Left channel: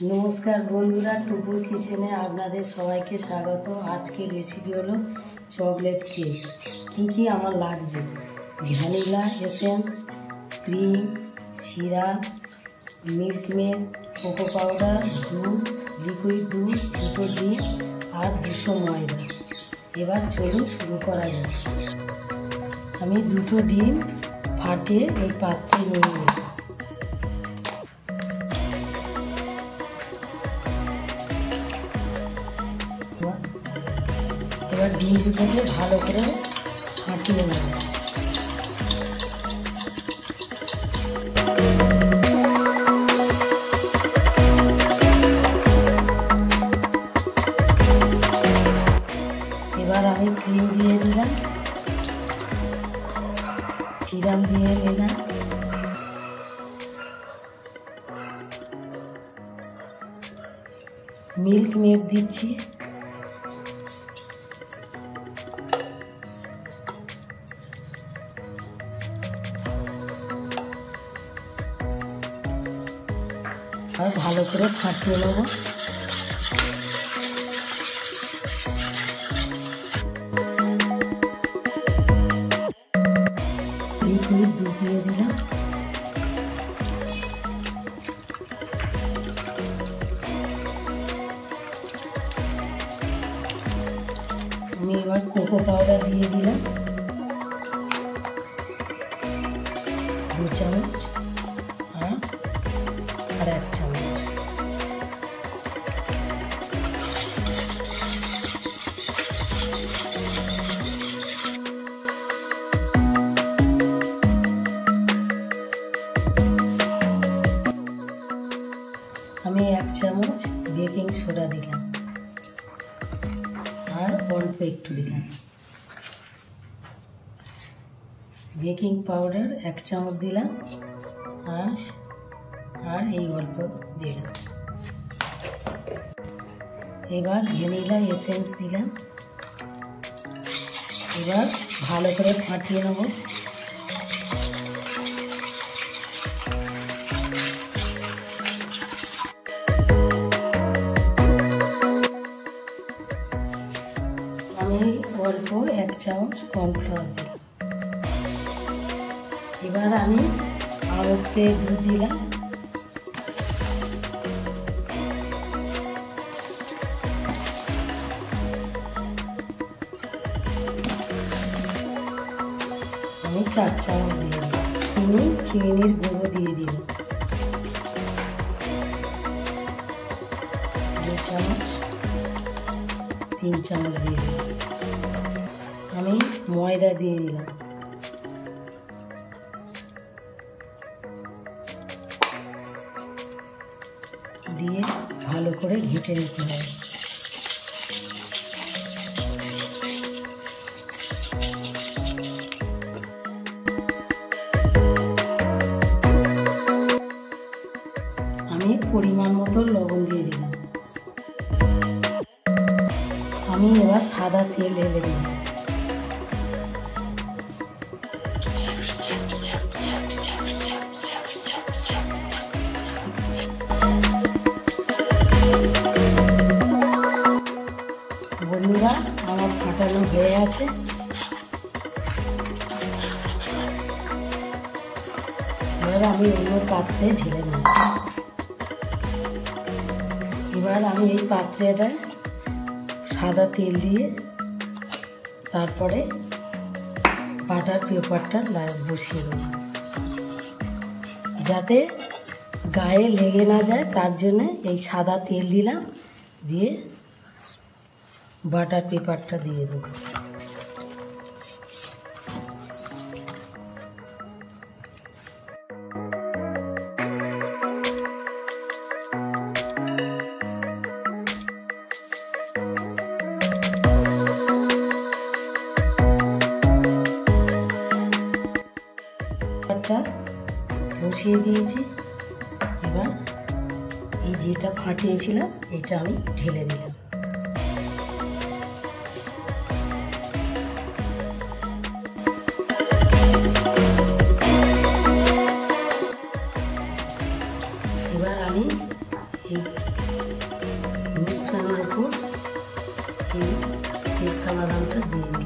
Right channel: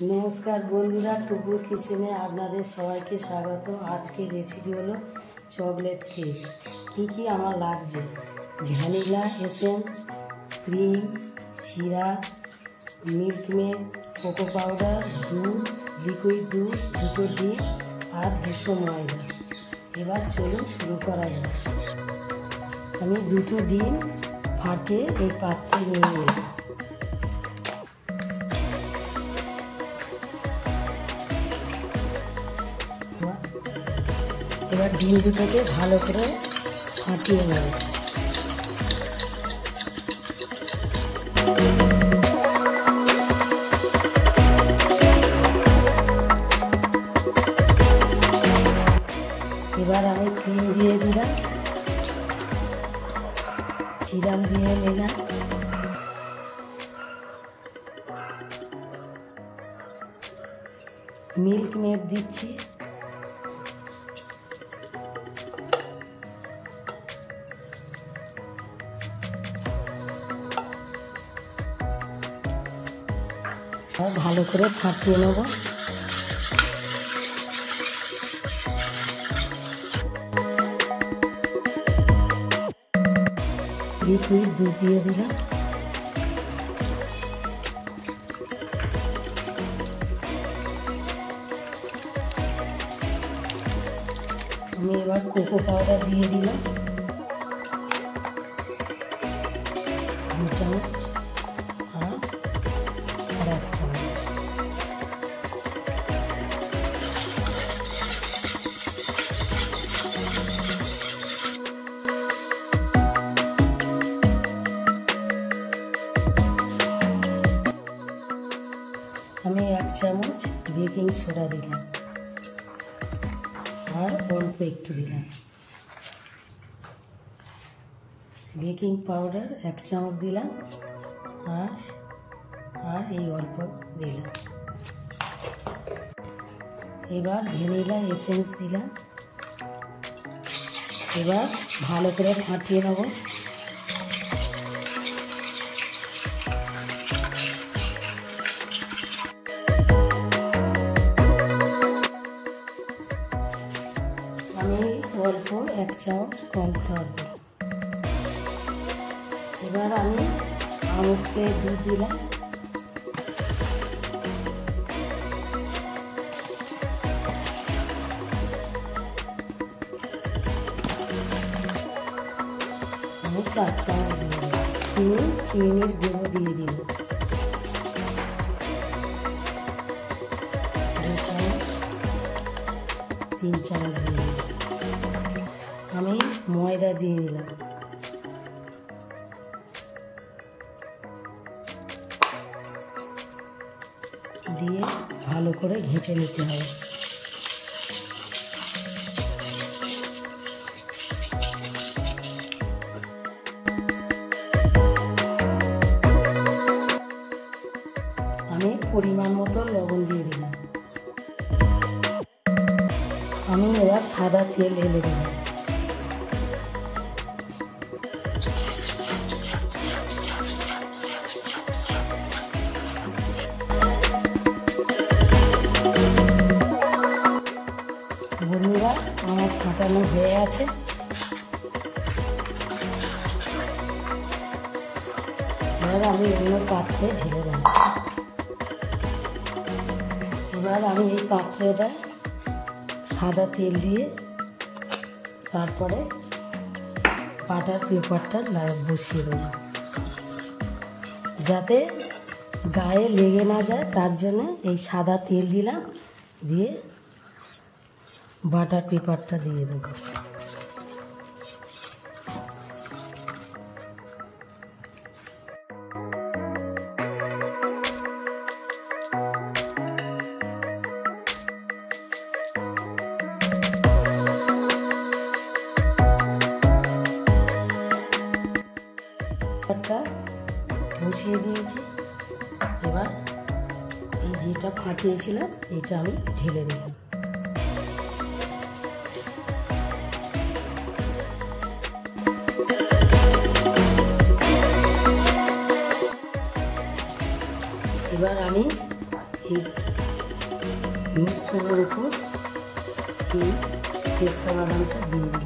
नमस्कार बंधुरा टुकुर किचेने आपनादेर सबाइके स्वागत। आज के रेसिपि हलो चकलेट केक। की आमार लागछे vanilla essence, cream, syrup, milk maid, cocoa powder, दूध, लिकुइड दूध, दुटो डिम और 200 मयदा। एबार चलुन शुरू करा जाक। आमी दुटो डिम फाटिए एई पात्रे निये नेब। এবার ডিম দুটোকে ভালো করে ফাটিয়ে নেব। এবার আমি ক্রিম দিয়ে দিলাম, সিরাপ দিয়ে নিলাম, মিল্ক মেড দিচ্ছি, আর ভালো করে ফাটিয়ে নেব। লিকুইড দুধ দিয়ে দিলাম, আমি এবার কোকো পাউডার দিয়ে দিলাম 2 চামচ আর 1 চামচ। আমি 1 চামচ বেকিং সোডা দিলাম আর অল্প একটু দিলাম। বেকিং পাউডার 1 চামচ দিলাম আর এই অল্প দিলাম। এবার ভ্যানিলা এসেন্স দিলাম। এবার ভালো করে ফাটিয়ে নেব। আমি অল্প 1 চামচ কর্নফ্লাওয়ার দিলাম। এবার আমি আজকে দুধ দিলাম, আমি 4 চামচ দিলাম। চিনির গুঁড়ো দিয়ে দিলাম 2 চামচ, 3 চামচ দিয়ে দিলাম। আমি ময়দা দিয়ে দিলাম, দিয়ে ভালো করে ঘেঁটে নিতে হবে। আমি পরিমাণ মতো লবণ দিয়ে দিলাম। আমি এবার সাদা তেল ঢেলে দিলাম। বন্ধুরা আমার ফাটানো হয়ে আছে। এবার আমি অন্য পাত্রে ঢেলে নেব। এবার আমি এই পাত্রেটা সাদা তেল দিয়ে তারপরে বাটার পেপারটা বসিয়ে দেব, যাতে গায়ে লেগে না যায় তার জন্য এই সাদা তেল দিলাম, দিয়ে বাটার পেপারটা দিয়ে দেবো। বসিয়ে দিয়েছি। এবার এই যেটা ফাটিয়েছিলাম এটা আমি ঢেলে দিলাম। এবার আমি এই মিশ্রণের উপর পেস্তা বাদামটা দিয়ে দেব।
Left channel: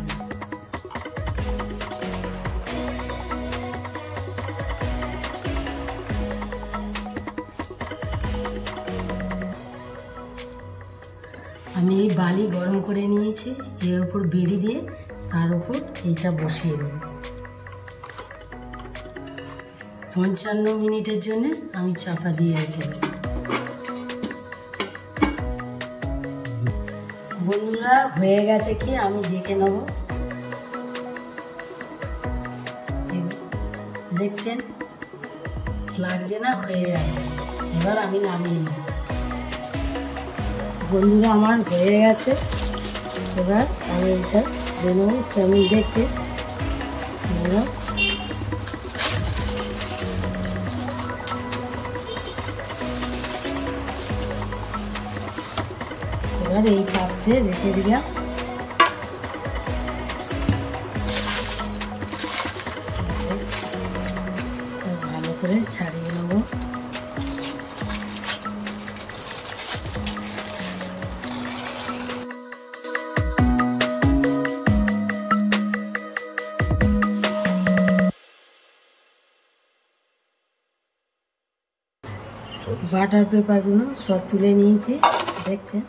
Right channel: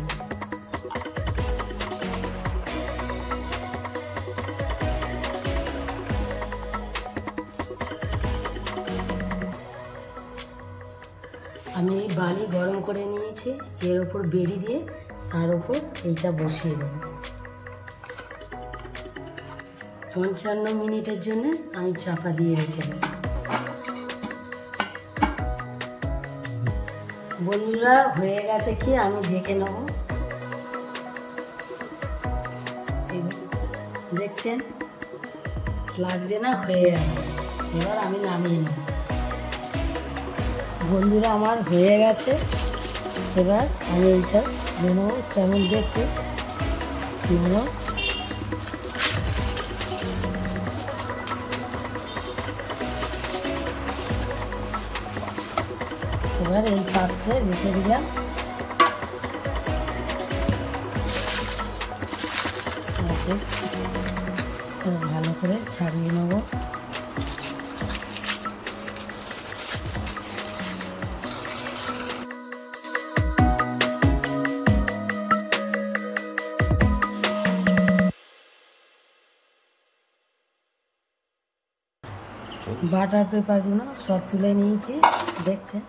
আমি এই বালি গরম করে নিয়েছি, এর উপর বেড়ি দিয়ে তার উপর এইটা বসিয়ে দেব। 55 মিনিটের জন্য আমি চাপা দিয়ে রেখে দেব। বন্ধুরা হয়ে গেছে কি আমি দেখে নেব। দেখছেন লাগছে না? হয়ে গেছে। এবার আমি নামিয়ে নেব। বন্ধুরা আমার হয়ে গেছে। এবার আমি এটা দেবো। কেমন দেখছে এবার এই পাত্রে রেখে দিলাম। ভালো করে ছাড়িয়ে নেব। বাটার পেপারগুলো সব তুলে নিয়েছি, দেখছেন।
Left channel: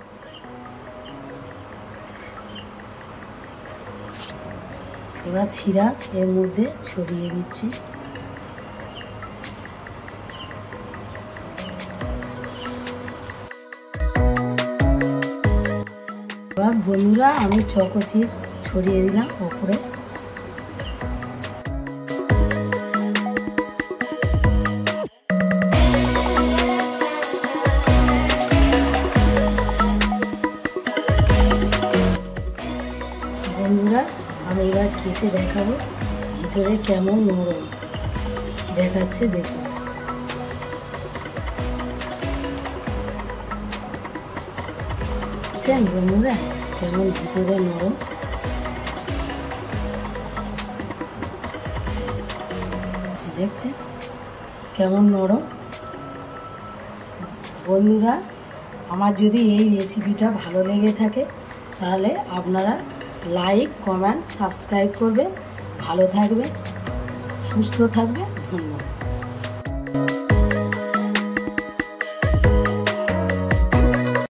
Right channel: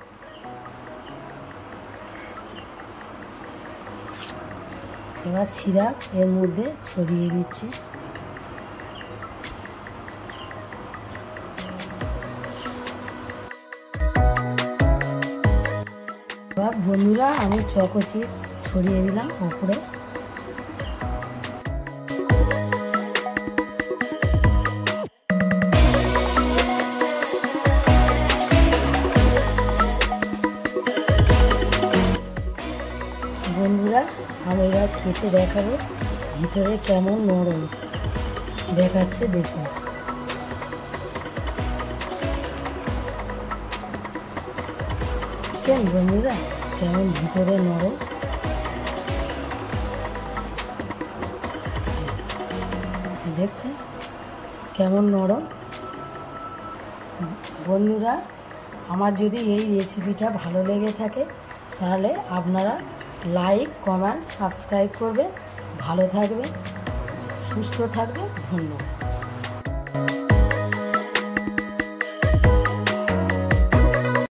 এবার সিরাপ এর মধ্যে ছড়িয়ে দিচ্ছি। এবার বন্ধুরা আমি চকো চিপস ছড়িয়ে দিলাম উপরে। বন্ধুরা আমি এবার কেটে দেখাবো ভিতরে কেমন নরম দেখাচ্ছে, দেখুন। দেখছেন বন্ধুরা কেমন ভিতরে নরম। দেখছেন কেমন নরম। বন্ধুরা আমার যদি এই রেসিপিটা ভালো লেগে থাকে তাহলে আপনারা লাইক, কমেন্ট, সাবস্ক্রাইব করবে। ভালো থাকবে, সুস্থ থাকবে। ধন্যবাদ।